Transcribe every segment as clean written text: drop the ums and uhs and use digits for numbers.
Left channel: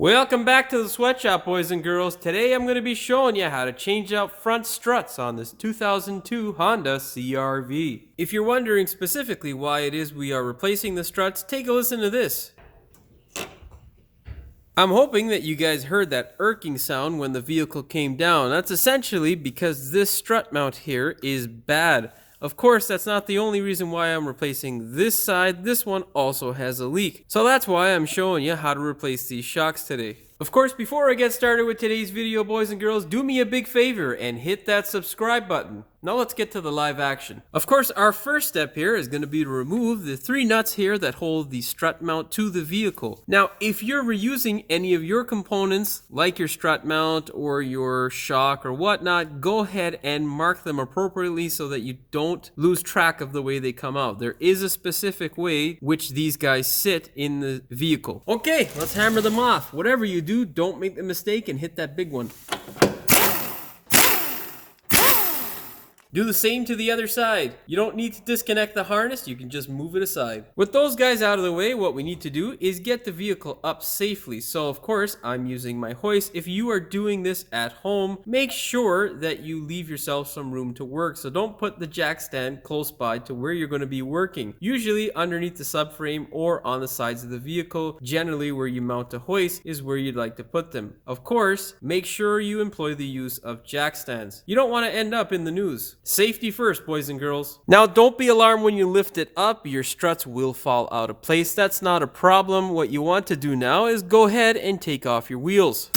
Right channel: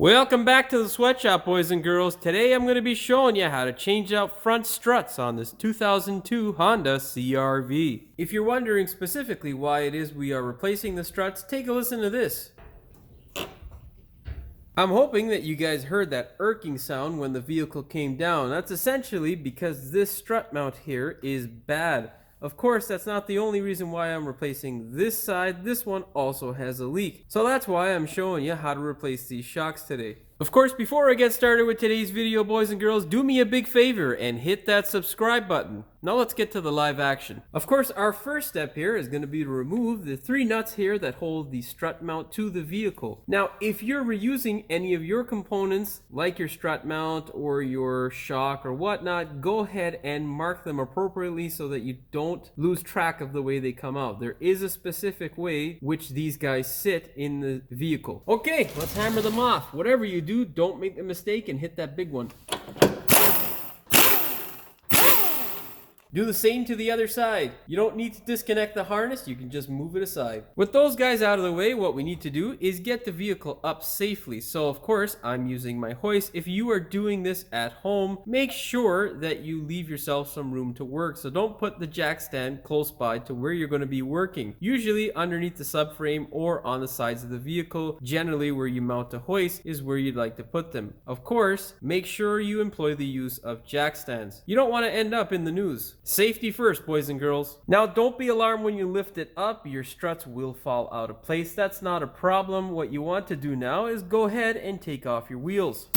Welcome back to the sweatshop, boys and girls. Today I'm going to be showing you how to change out front struts on this 2002 Honda CRV. If you're wondering specifically why it is we are replacing the struts, take a listen to this. I'm hoping that you guys heard that irking sound when the vehicle came down. That's essentially because this strut mount here is bad. Of course, that's not the only reason why I'm replacing this side. This one also has a leak. So that's why I'm showing you how to replace these shocks today. Of course, before I get started with today's video, boys and girls, do me a big favor and hit that subscribe button. Now let's get to the live action. Of course, our first step here is going to be to remove the 3 nuts here that hold the strut mount to the vehicle. Now, if you're reusing any of your components, like your strut mount or your shock or whatnot, go ahead and mark them appropriately so that you don't lose track of the way they come out. There is a specific way which these guys sit in the vehicle. Okay, let's hammer them off. Whatever you do, don't make the mistake and hit that big one. Do the same to the other side. You don't need to disconnect the harness, you can just move it aside. With those guys out of the way, what we need to do is get the vehicle up safely. So of course, I'm using my hoist. If you are doing this at home, make sure that you leave yourself some room to work. So don't put the jack stand close by to where you're going to be working. Usually underneath the subframe or on the sides of the vehicle, generally where you mount a hoist is where you'd like to put them. Of course, make sure you employ the use of jack stands. You don't want to end up in the news. Safety first, boys and girls. Now, don't be alarmed when you lift it up. Your struts will fall out of place. That's not a problem. What you want to do now is go ahead and take off your wheels.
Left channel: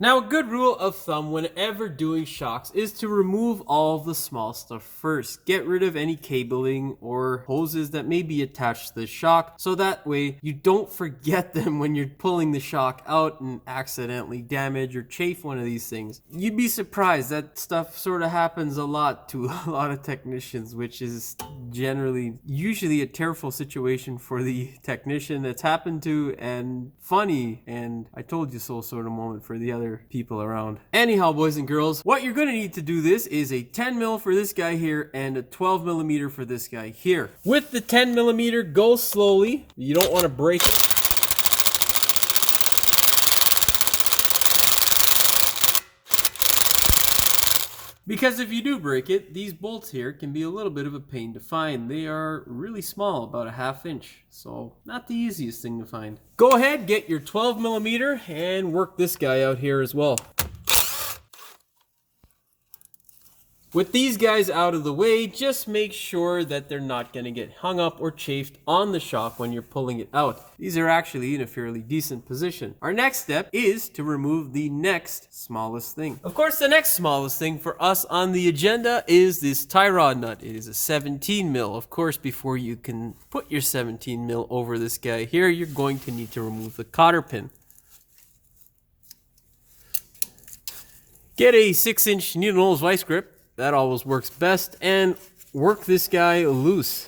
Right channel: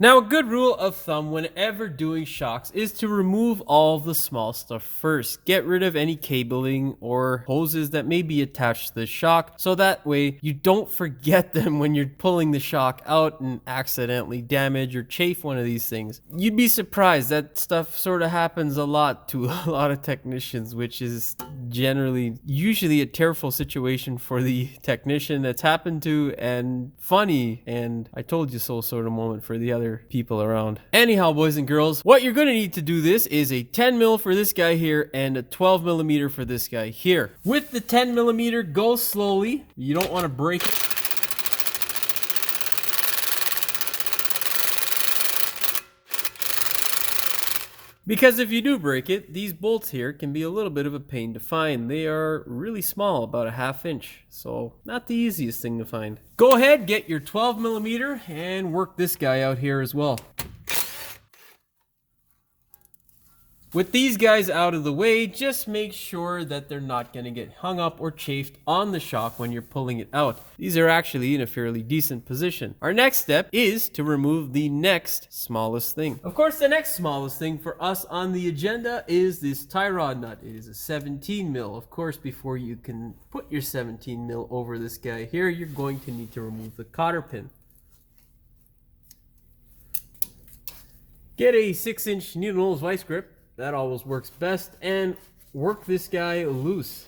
Now, a good rule of thumb whenever doing shocks is to remove all the small stuff first. Get rid of any cabling or hoses that may be attached to the shock, so that way you don't forget them when you're pulling the shock out and accidentally damage or chafe one of these things. You'd be surprised, that stuff sort of happens a lot to a lot of technicians, which is usually a tearful situation for the technician that's happened to, and funny and I told you so sort of moment for the other people around. Anyhow, boys and girls, what you're going to need to do this is a 10 mil for this guy here and a 12 millimeter for this guy here. With the 10 millimeter, go slowly. You don't want to break it. Because if you do break it, these bolts here can be a little bit of a pain to find. They are really small, about a ½ inch, so not the easiest thing to find. Go ahead, get your 12 millimeter and work this guy out here as well. With these guys out of the way, just make sure that they're not going to get hung up or chafed on the shock when you're pulling it out. These are actually in a fairly decent position. Our next step is to remove the next smallest thing. Of course, the next smallest thing for us on the agenda is this tie rod nut. It is a 17 mil. Of course, before you can put your 17 mil over this guy here, you're going to need to remove the cotter pin. Get a 6-inch needle nose vice grip. That always works best, and work this guy loose.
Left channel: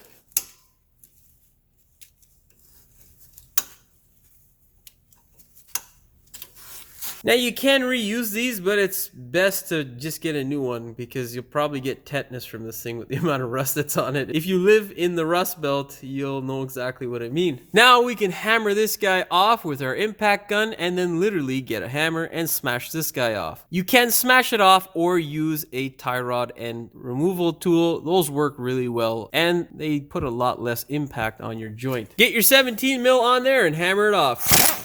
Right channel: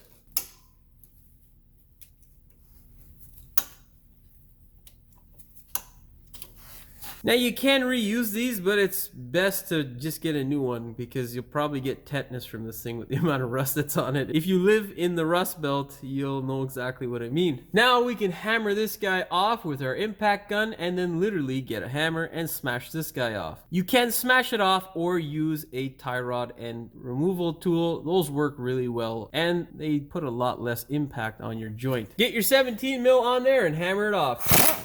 Now you can reuse these, but it's best to just get a new one because you'll probably get tetanus from this thing with the amount of rust that's on it. If you live in the Rust Belt, you'll know exactly what I mean. Now we can hammer this guy off with our impact gun and then literally get a hammer and smash this guy off. You can smash it off or use a tie rod and removal tool. Those work really well and they put a lot less impact on your joint. Get your 17 mil on there and hammer it off.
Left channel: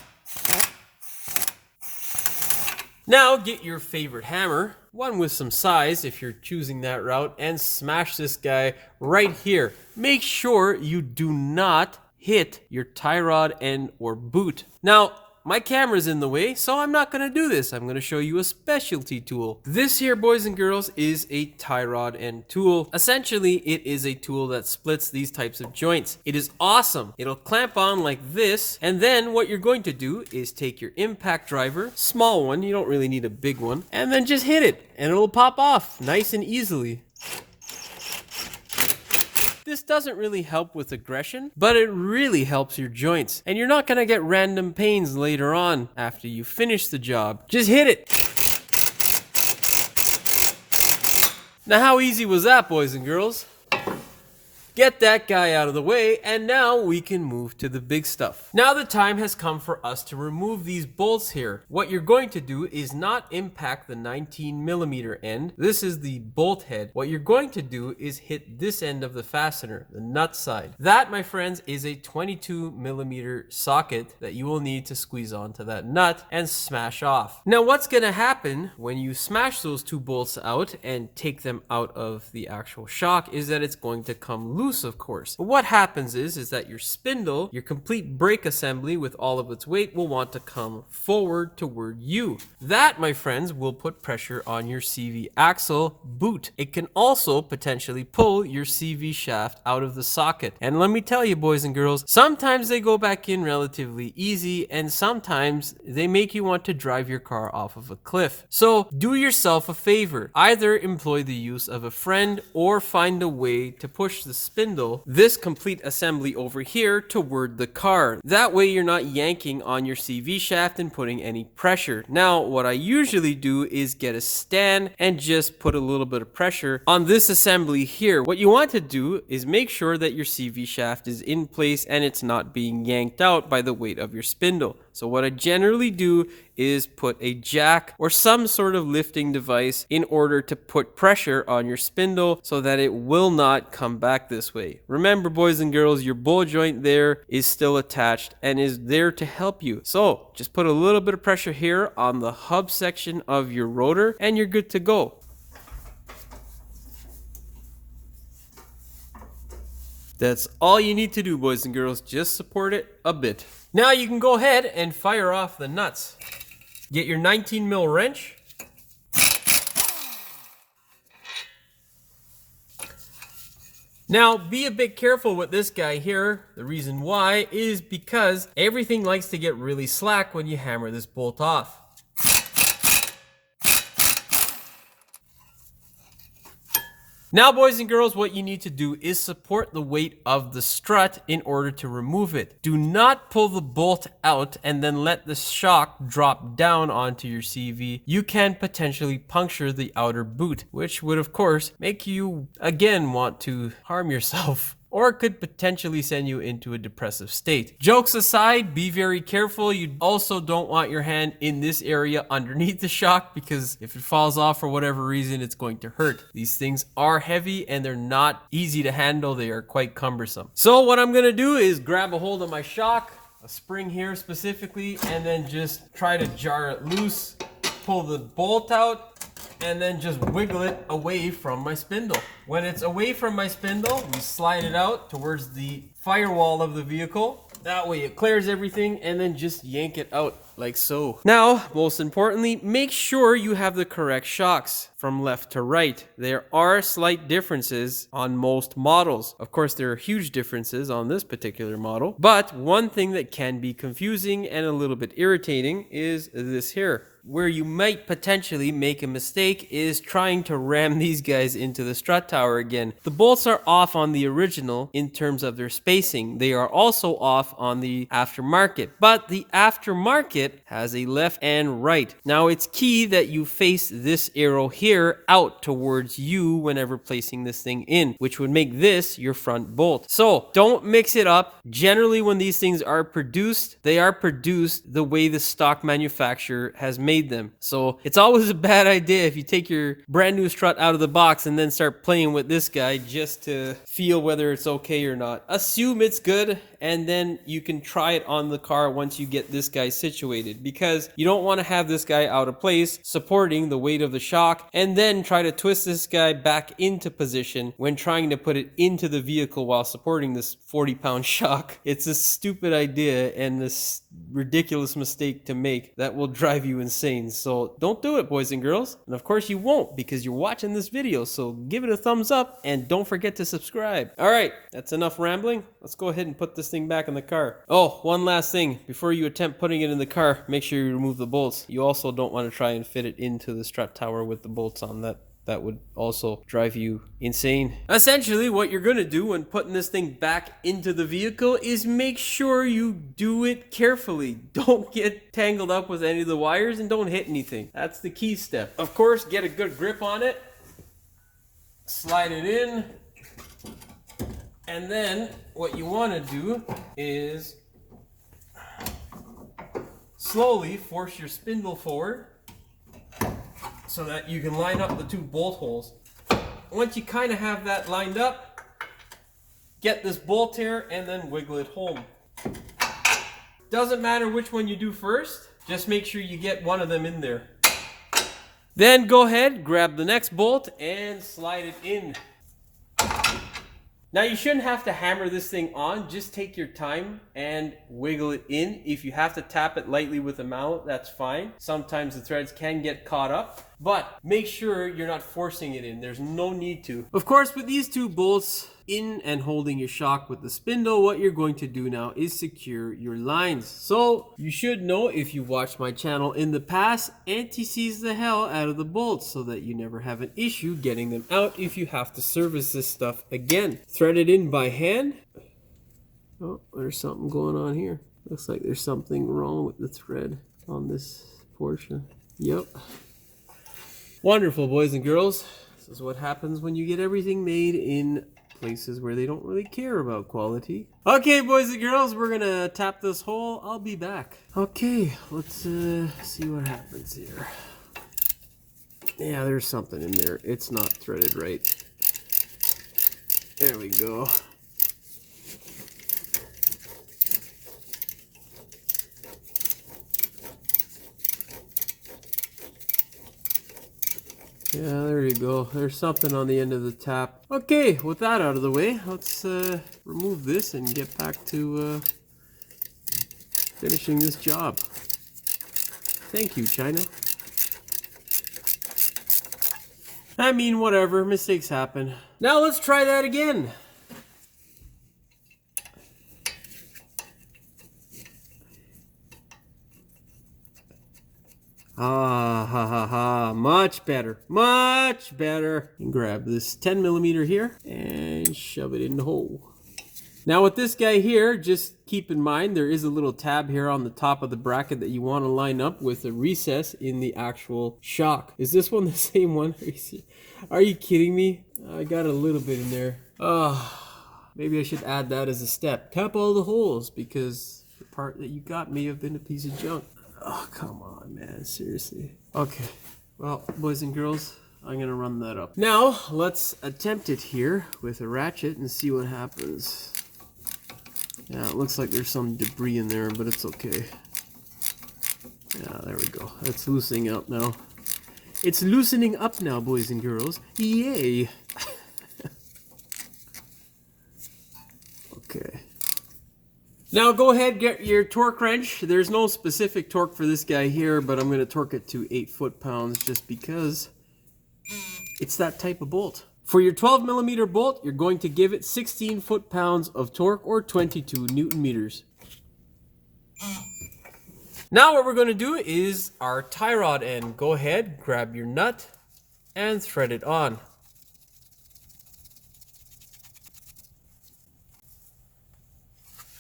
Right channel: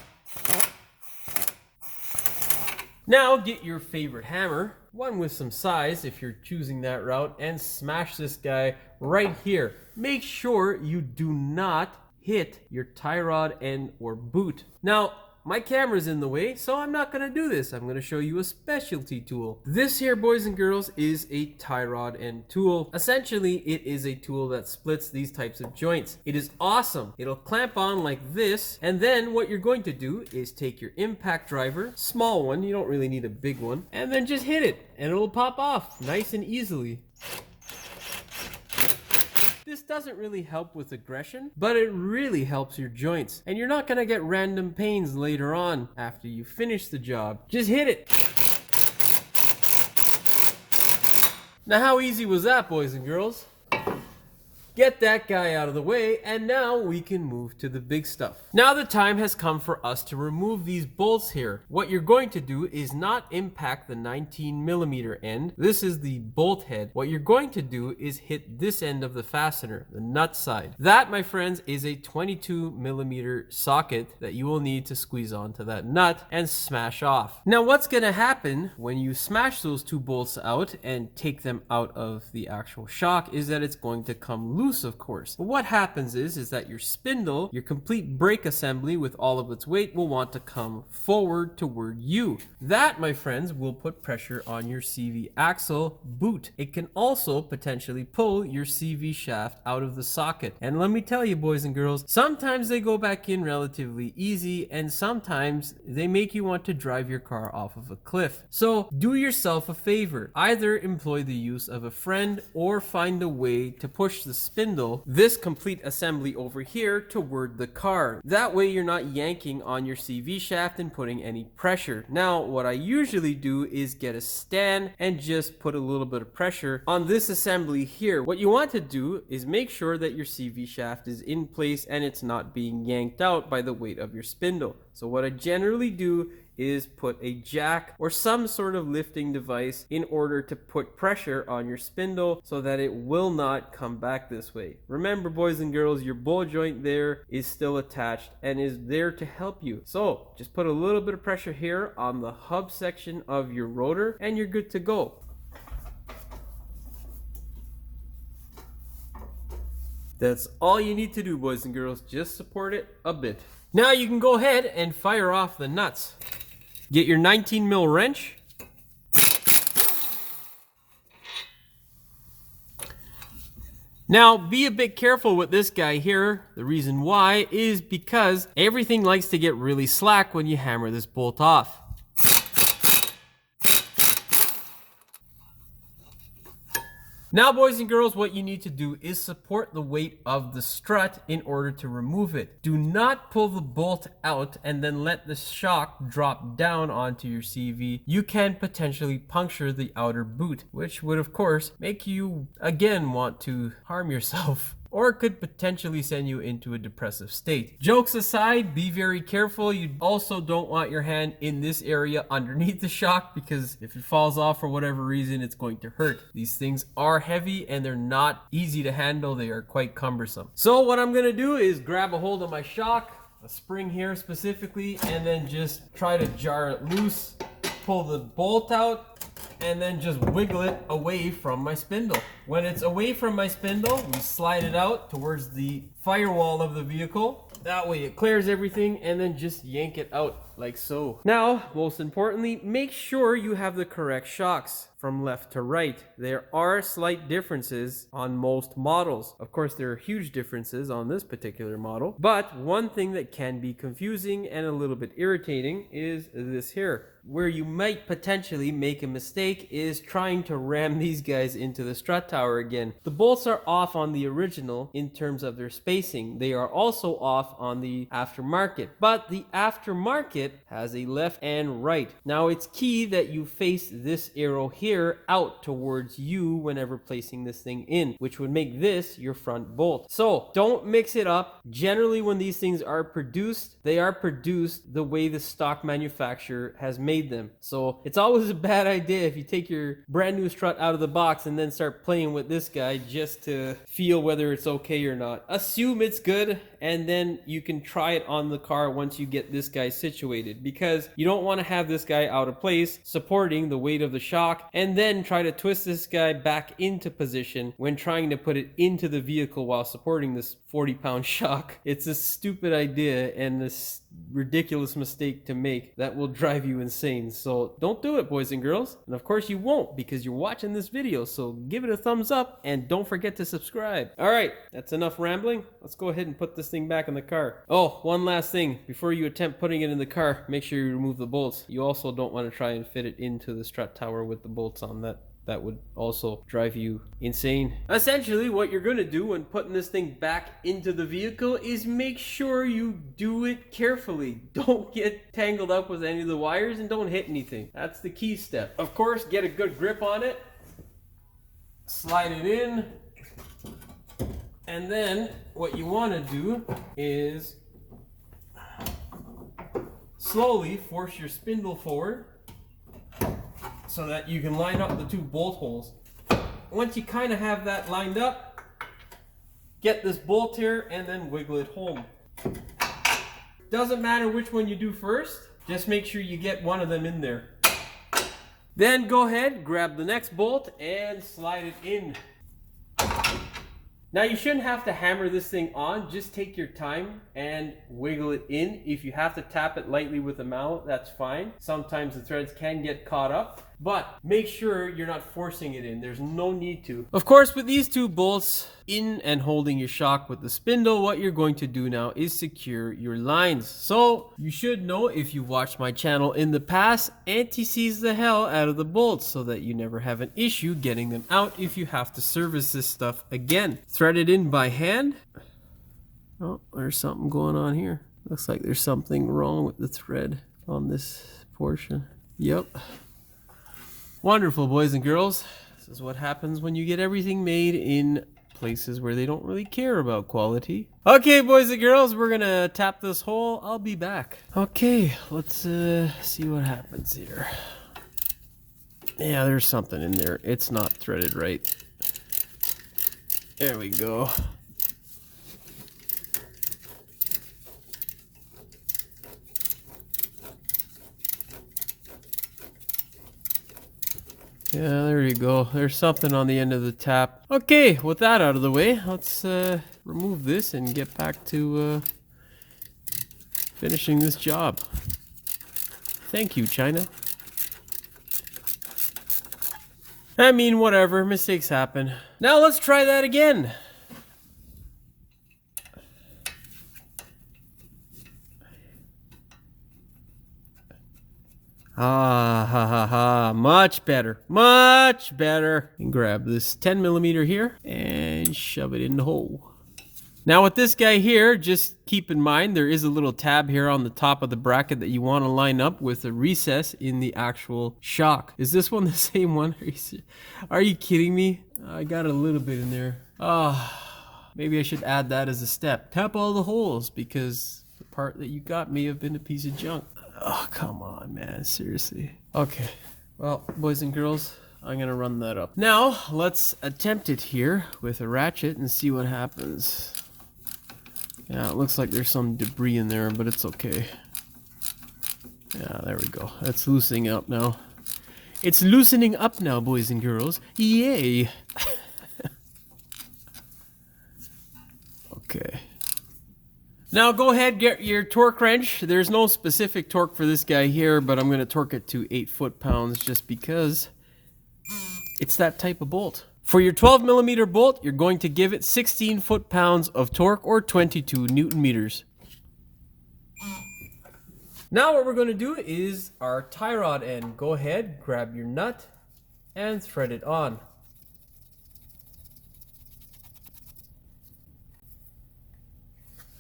Now get your favorite hammer, one with some size if you're choosing that route, and smash this guy right here. Make sure you do not hit your tie rod and or boot. Now, my camera's in the way, so I'm not going to do this. I'm going to show you a specialty tool. This here, boys and girls, is a tie rod end tool. Essentially, it is a tool that splits these types of joints. It is awesome. It'll clamp on like this, and then what you're going to do is take your impact driver, small one, you don't really need a big one, and then just hit it, and it'll pop off nice and easily. This doesn't really help with aggression, but it really helps your joints. And you're not gonna get random pains later on after you finish the job. Just hit it. Now how easy was that, boys and girls? Get that guy out of the way, and now we can move to the big stuff. Now the time has come for us to remove these bolts here. What you're going to do is not impact the 19mm end. This is the bolt head. What you're going to do is hit this end of the fastener, the nut side. That, my friends, is a 22mm socket that you will need to squeeze onto that nut and smash off. Now what's going to happen when you smash those two bolts out and take them out of the actual shock is that it's going to come loose, of course. But what happens is that your spindle, your complete brake assembly with all of its weight will want to come forward toward you. That, my friends, will put pressure on your CV axle boot. It can also potentially pull your CV shaft out of the socket. And let me tell you, boys and girls, sometimes they go back in relatively easy, and sometimes they make you want to drive your car off of a cliff. So do yourself a favor. Either employ the use of a friend or find a way to push the spindle, this complete assembly over here, toward the car. That way you're not yanking on your CV shaft and putting any pressure. Now what I usually do is get a stand and just put a little bit of pressure on this assembly here. What you want to do is make sure that your CV shaft is in place and it's not being yanked out by the weight of your spindle. So what I generally do is put a jack or some sort of lifting device in order to put pressure on your spindle so that it will not come back this way. Remember, boys and girls, your ball joint there is still attached and is there to help you. So just put a little bit of pressure here on the hub section of your rotor and you're good to go. That's all you need to do, boys and girls. Just support it a bit. Now you can go ahead and fire off the nuts. Get your 19mm wrench. Now be a bit careful with this guy here. The reason why is because everything likes to get really slack when you hammer this bolt off. Now, boys and girls, what you need to do is support the weight of the strut in order to remove it. Do not pull the bolt out and then let the shock drop down onto your CV. You can potentially puncture the outer boot, which would, of course, make you, again, want to harm yourself. Or it could potentially send you into a depressive state. Jokes aside, be very careful. You also don't want your hand in this area underneath the shock because if it falls off for whatever reason, it's going to hurt. These things are heavy and they're not easy to handle. They are quite cumbersome. So what I'm gonna do is grab a hold of my shock, a spring here specifically, and then just try to jar it loose, pull the bolt out, and then just wiggle it away from my spindle. When it's away from my spindle, we slide it out towards the firewall of the vehicle. That way it clears everything and then just yank it out like so. Now, most importantly, make sure you have the correct shocks from left to right. There are slight differences on most models. Of course, there are huge differences on this particular model, but one thing that can be confusing and a little bit irritating is this here. Where you might potentially make a mistake is trying to ram these guys into the strut tower again. The bolts are off on the original in terms of their spacing. They are also off on the aftermarket, but the aftermarket has a left and right. Now it's key that you face this arrow here out towards you whenever placing this thing in, which would make this your front bolt. So don't mix it up. Generally, when these things are produced, they are produced the way the stock manufacturer has made them. So it's always a bad idea if you take your brand new strut out of the box and then start playing with this guy just to feel whether it's okay or not. Assume it's good and then you can try it on the car once you get this guy situated, because you don't want to have this guy out of place supporting the weight of the shock and then try to twist this guy back into position when trying to put it into the vehicle while supporting this 40-pound shock. It's a stupid idea and this ridiculous mistake to make that will drive you insane. So don't do it, boys and girls. And of course you won't, because you're watching this video. So give it a thumbs up and don't forget to subscribe. All right, that's enough rambling. Let's go ahead and put this thing back in the car. Oh, one last thing. Before you attempt putting it in the car, make sure you remove the bolts. You also don't want to try and fit it into the strut tower with the bolts on. That would also drive you insane. Essentially, what you're going to do when putting this thing back into the vehicle is make sure you do it carefully. Don't get tangled up with any of the wires and don't hit anything. That's the key step. Of course, get a good grip on it. slide it in, and then what you want to do is slowly force your spindle forward so that you can line up the two bolt holes. Once you kind of have that lined up, get this bolt here and then wiggle it home. Doesn't matter which one you do first, just make sure you get one of them in there. Then go ahead, grab the next bolt and slide it in. Now you shouldn't have to hammer this thing on, just take your time and wiggle it in. If you have to tap it lightly with a mallet, that's fine. Sometimes the threads can get caught up, but make sure you're not forcing it in. There's no need to. Of course, with these two bolts in and holding your shock with the spindle, what you're going to do now is secure your lines. So you should know, if you've watched my channel in the past, anti-seize the hell out of the bolts so that you never have an issue getting them out if you have to service this stuff again. Thread it in by hand. Oh, there's something going on here. Looks like there's something wrong with the thread on this portion. Yep. Wonderful, boys and girls. This is what happens when you get everything made in places where they don't really care about quality. Okay, boys and girls, we're gonna tap this hole. I'll be back. Okay, let's see what happens here. Yeah, there's something in there. It's not threaded right. There we go. Yeah, there you go. There's something on the end of the tap. Okay, with that out of the way, let's remove this and get back to finishing this job. Thank you, China. I mean, whatever. Mistakes happen. Now let's try that again. Ah, ha, ha, ha. Much better. Much better. And grab this 10mm here and shove it in the hole. Now with this guy here, just keep in mind there is a little tab here on the top of the bracket that you want to line up with a recess in the actual shock. Is this one the same one? Are you kidding me? I got a little bit in there. Maybe I should add that as a step. Tap all the holes because the part that you got may have been a piece of junk. Oh, come on, man. Seriously. Okay. Well, boys and girls, I'm going to run that up. Now, let's attempt it here with a ratchet and see what happens. Yeah, it looks like there's some debris in there, but it's okay. Yeah, there we go. It's loosening up now. It's loosening up now, boys and girls. Yay! Okay. Now go ahead, get your torque wrench. There's no specific torque for this guy here, but I'm going to torque it to 8 foot-pounds just because it's that type of bolt. For your 12mm bolt, you're going to give it 16 foot-pounds of torque or 22 Newton meters. Now what we're going to do is our tie rod end. Go ahead, grab your nut and thread it on.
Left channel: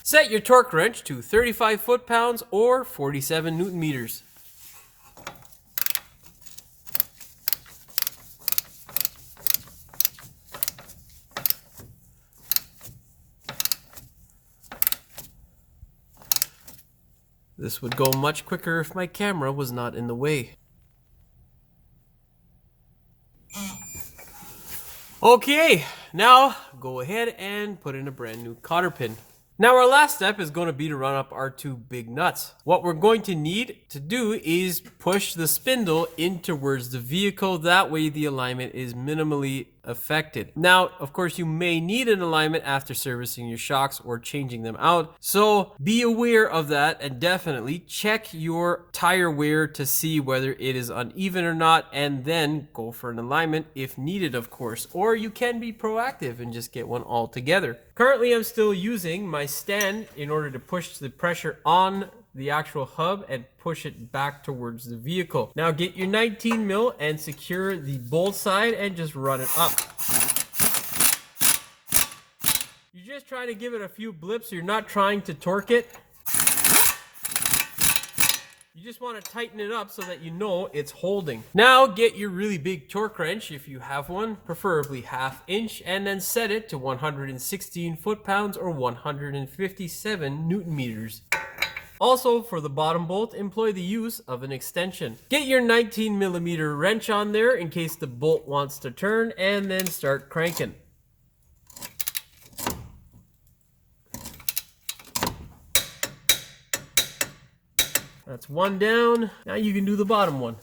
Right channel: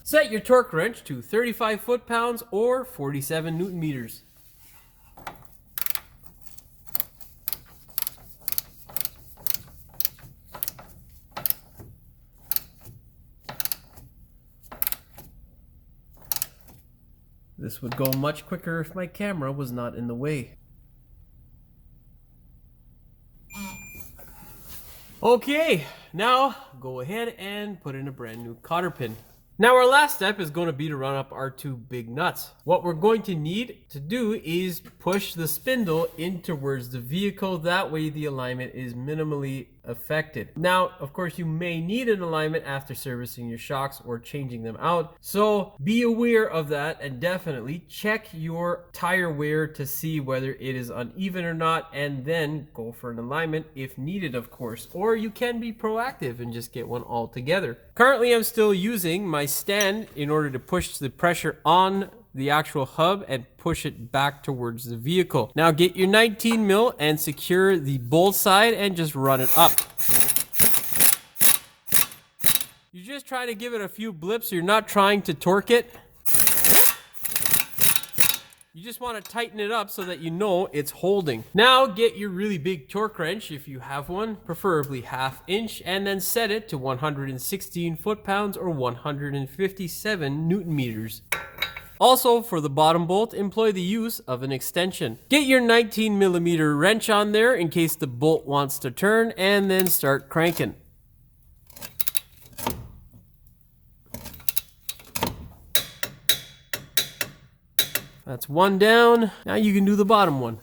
Set your torque wrench to 35 foot-pounds or 47 Newton meters. This would go much quicker if my camera was not in the way. Okay, now go ahead and put in a brand new cotter pin. Now our last step is going to be to run up our two big nuts. What we're going to need to do is push the spindle in towards the vehicle. That way the alignment is minimally affected. Now, of course, you may need an alignment after servicing your shocks or changing them out. So be aware of that and definitely check your tire wear to see whether it is uneven or not, and then go for an alignment if needed, of course. Or you can be proactive and just get one all together. Currently, I'm still using my stand in order to push the pressure on the actual hub and push it back towards the vehicle. Now get your 19mm and secure the bolt side and just run it up. You're just trying to give it a few blips. You're not trying to torque it. You just want to tighten it up so that you know it's holding. Now get your really big torque wrench if you have one, preferably 1/2 inch, and then set it to 116 foot-pounds or 157 newton meters. Also, for the bottom bolt, employ the use of an extension. Get your 19mm wrench on there in case the bolt wants to turn, and then start cranking. That's one down. Now you can do the bottom one.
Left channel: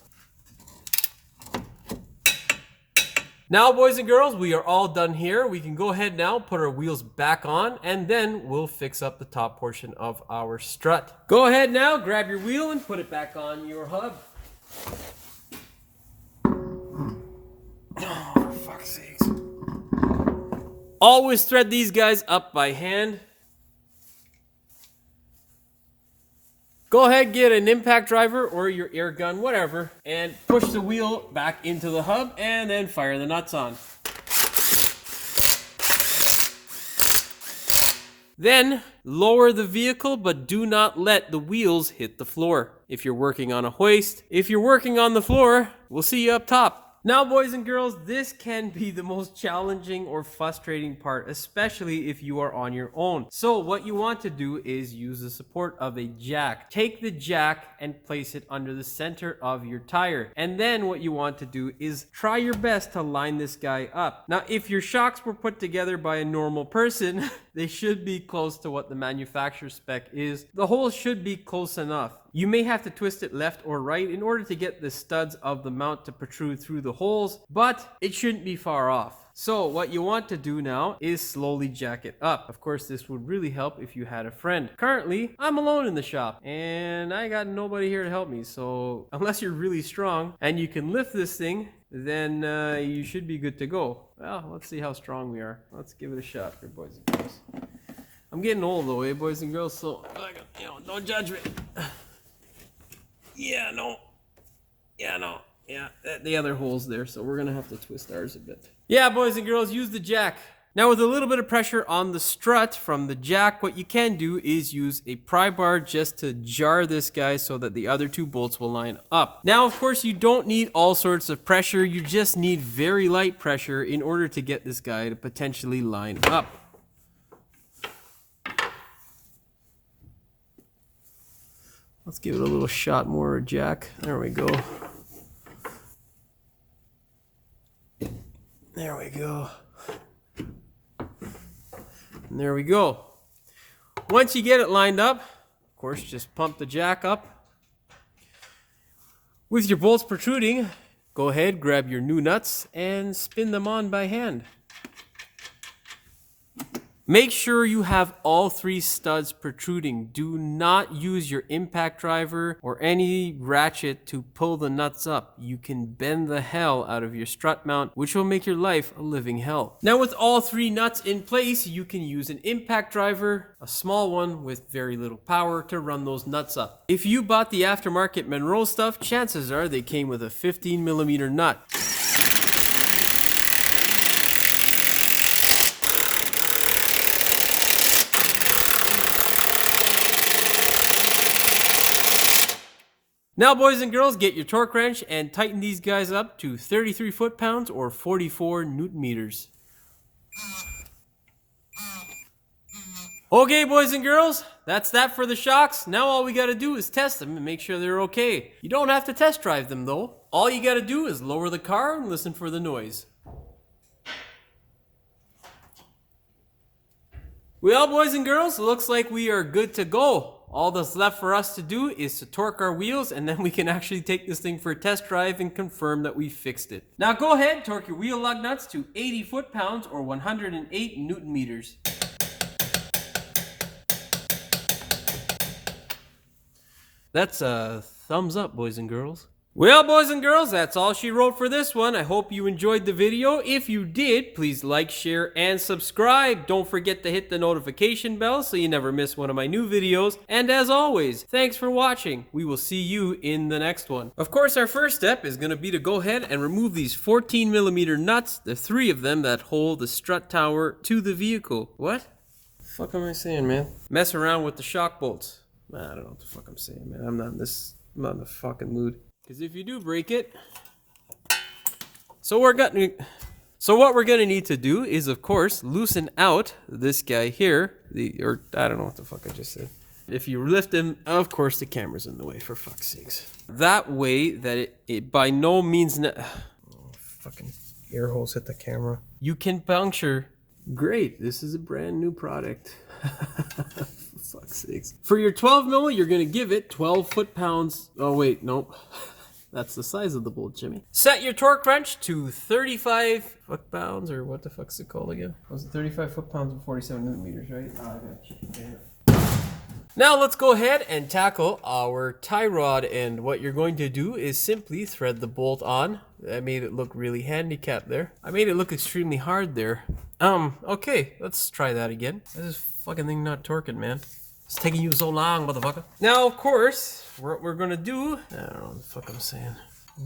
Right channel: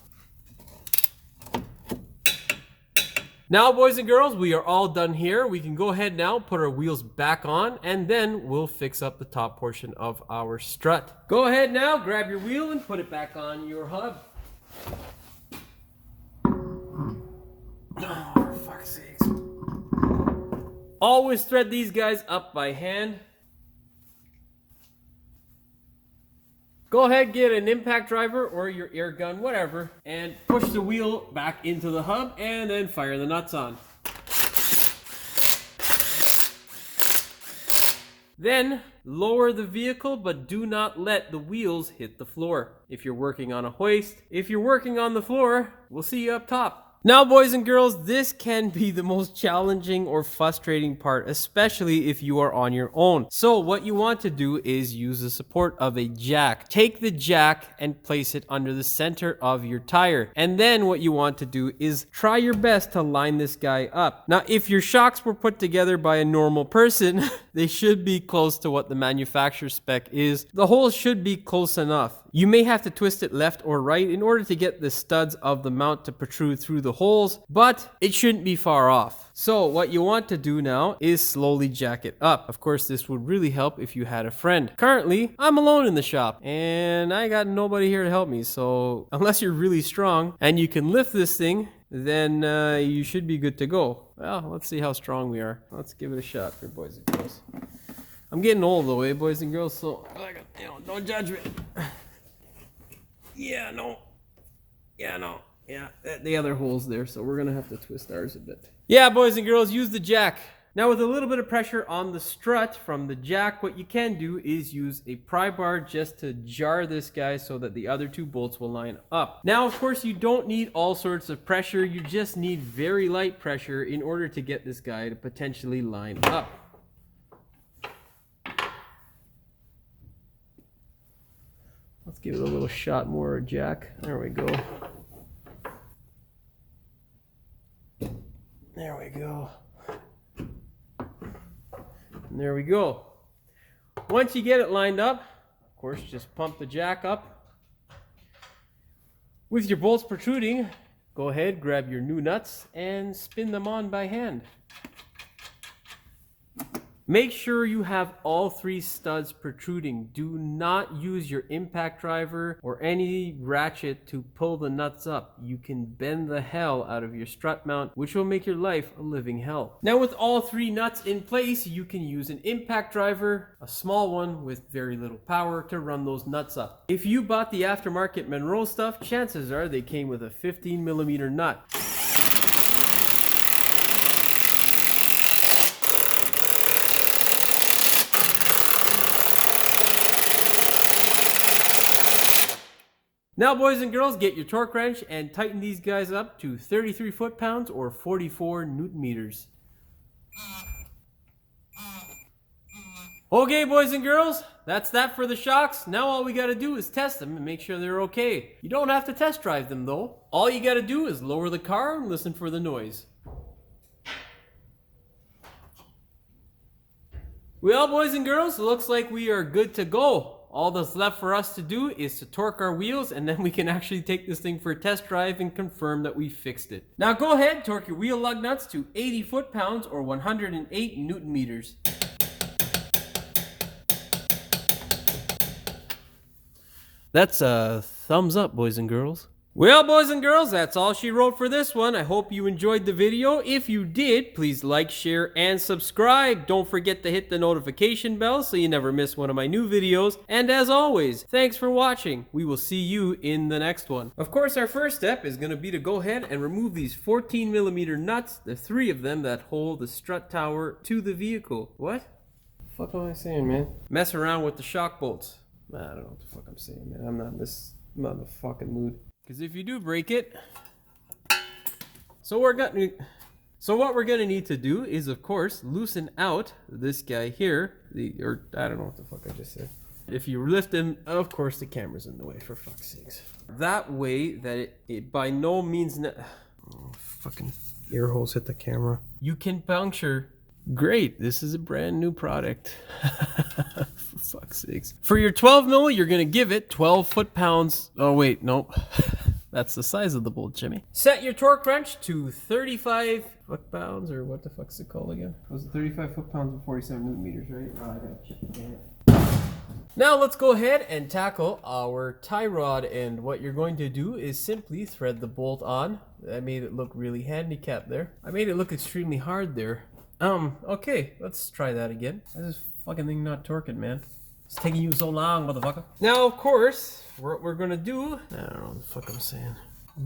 Now, boys and girls, we are all done here. We can go ahead now, put our wheels back on, and then we'll fix up the top portion of our strut. Go ahead now, grab your wheel and put it back on your hub. Oh, for fuck's sakes. Always thread these guys up by hand. Go ahead, get an impact driver or your air gun, whatever, and push the wheel back into the hub and then fire the nuts on. Then lower the vehicle, but do not let the wheels hit the floor. If you're working on a hoist, if you're working on the floor, we'll see you up top. Now, boys and girls, this can be the most challenging or frustrating part, especially if you are on your own. So what you want to do is use the support of a jack. Take the jack and place it under the center of your tire. And then what you want to do is try your best to line this guy up. Now, if your shocks were put together by a normal person, they should be close to what the manufacturer spec is. The holes should be close enough. You may have to twist it left or right in order to get the studs of the mount to protrude through the holes, but it shouldn't be far off. So what you want to do now is slowly jack it up. Of course, this would really help if you had a friend. Currently, I'm alone in the shop and I got nobody here to help me. So unless you're really strong and you can lift this thing, then you should be good to go. Well, let's see how strong we are. Let's give it a shot here, boys and girls. I'm getting old though, eh, boys and girls? So, don't judge me. Yeah, no. Yeah, the other hole's there, so we're gonna have to twist ours a bit. Yeah, boys and girls, use the jack. Now, with a little bit of pressure on the strut from the jack, what you can do is use a pry bar just to jar this guy so that the other two bolts will line up. Now, of course, you don't need all sorts of pressure. You just need very light pressure in order to get this guy to potentially line up. Let's give it a little shot more, jack. There we go. There we go. And there we go. Once you get it lined up, of course, just pump the jack up. With your bolts protruding, go ahead, grab your new nuts and spin them on by hand. Make sure you have all 3 studs protruding. Do not use your impact driver or any ratchet to pull the nuts up. You can bend the hell out of your strut mount, which will make your life a living hell. Now, with all 3 nuts in place, you can use an impact driver, a small one with very little power, to run those nuts up. If you bought the aftermarket Monroe stuff, chances are they came with a 15mm nut. Now, boys and girls, get your torque wrench and tighten these guys up to 33 foot-pounds or 44 newton meters. Okay, boys and girls, that's that for the shocks. Now all we gotta do is test them and make sure they're okay. You don't have to test drive them though. All you gotta do is lower the car and listen for the noise. Well, boys and girls, it looks like we are good to go. All that's left for us to do is to torque our wheels, and then we can actually take this thing for a test drive and confirm that we fixed it. Now go ahead, torque your wheel lug nuts to 80 foot-pounds or 108 newton meters. That's a thumbs up, boys and girls. Well, boys and girls, that's all she wrote for this one. I hope you enjoyed the video. If you did, please like, share, and subscribe. Don't forget to hit the notification bell so you never miss one of my new videos. And as always, thanks for watching. We will see you in the next one. Of course, our first step is going to be to go ahead and remove these 14mm nuts, the 3 of them that hold the strut tower to the vehicle. What the fuck am I saying, man? Mess around with the shock bolts. I don't know what the fuck I'm saying, man. I'm not in this I'm not in the fucking mood. Because if you do break it... So what we're gonna need to do is, of course, loosen out this guy here. Or I don't know what the fuck I just said. If you lift him, of course the camera's in the way, for fuck's sakes. That way that it by no means... Oh, fucking ear holes hit the camera. You can puncture. Great, this is a brand new product. For fuck's sakes. For your 12 mil, you're gonna give it 12 foot-pounds. Oh wait, nope. That's the size of the bolt, Jimmy. Set your torque wrench to 35 foot-pounds, or what the fuck's it called again? Was it 35 foot-pounds and 47 newton meters, right? Oh, I got you. Damn it. Now let's go ahead and tackle our tie rod, and what you're going to do is simply thread the bolt on. I made it look really handicapped there. I made it look extremely hard there. Okay, let's try that again. This fucking thing not torquing, man. It's taking you so long, motherfucker. Now, of course, what we're gonna do, I don't know what the fuck I'm saying.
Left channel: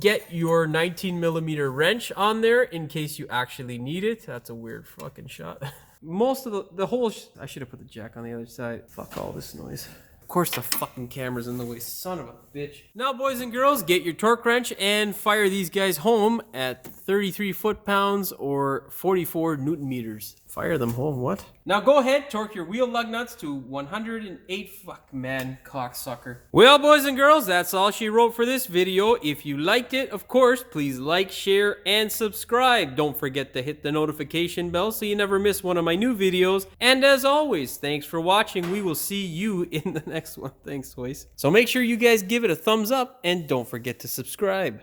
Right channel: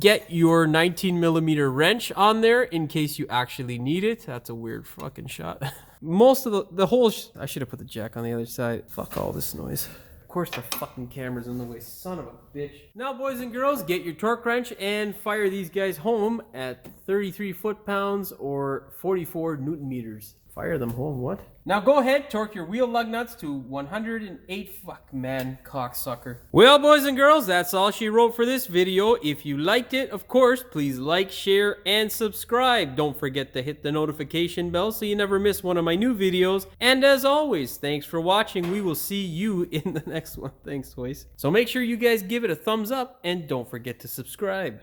Get your 19 millimeter wrench on there in case you actually need it. That's a weird fucking shot. Most of the whole, I should have put the jack on the other side. Fuck all this noise. Of course the fucking camera's in the way, son of a bitch. Now, boys and girls, get your torque wrench and fire these guys home at 33 foot-pounds or 44 newton meters. Fire them home, what? Now go ahead, torque your wheel lug nuts to 108, fuck man, cocksucker. Well, boys and girls, that's all she wrote for this video. If you liked it, of course, please like, share, and subscribe. Don't forget to hit the notification bell so you never miss one of my new videos. And as always, thanks for watching. We will see you in the next one. Thanks, boys. So make sure you guys give it a thumbs up and don't forget to subscribe.